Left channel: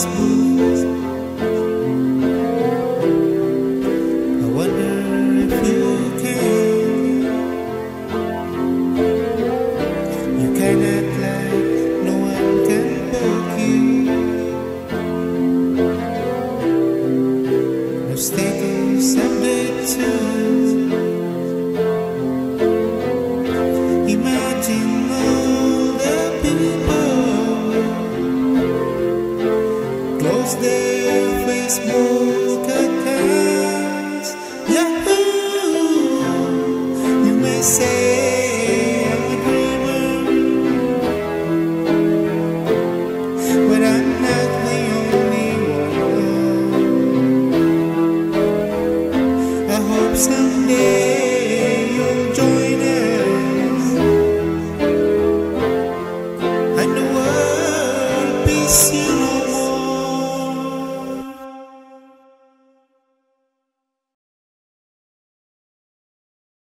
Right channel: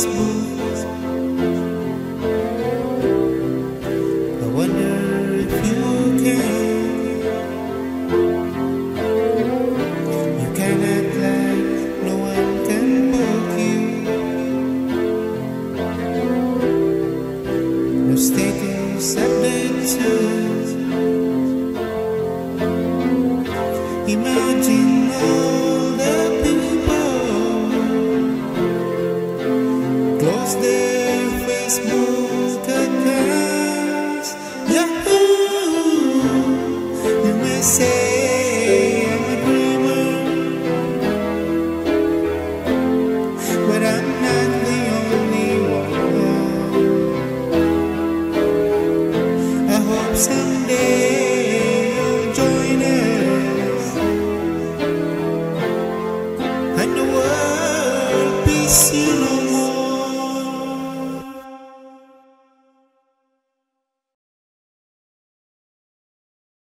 Facebook. I wonder if you can. You can act like no one can poke you. No status update too. Imagine all the people close their Facebook accounts. Yahoo! You may say I'm a dreamer, but I'm not the only one. I hope someday you'll join us, and the world peace you no more.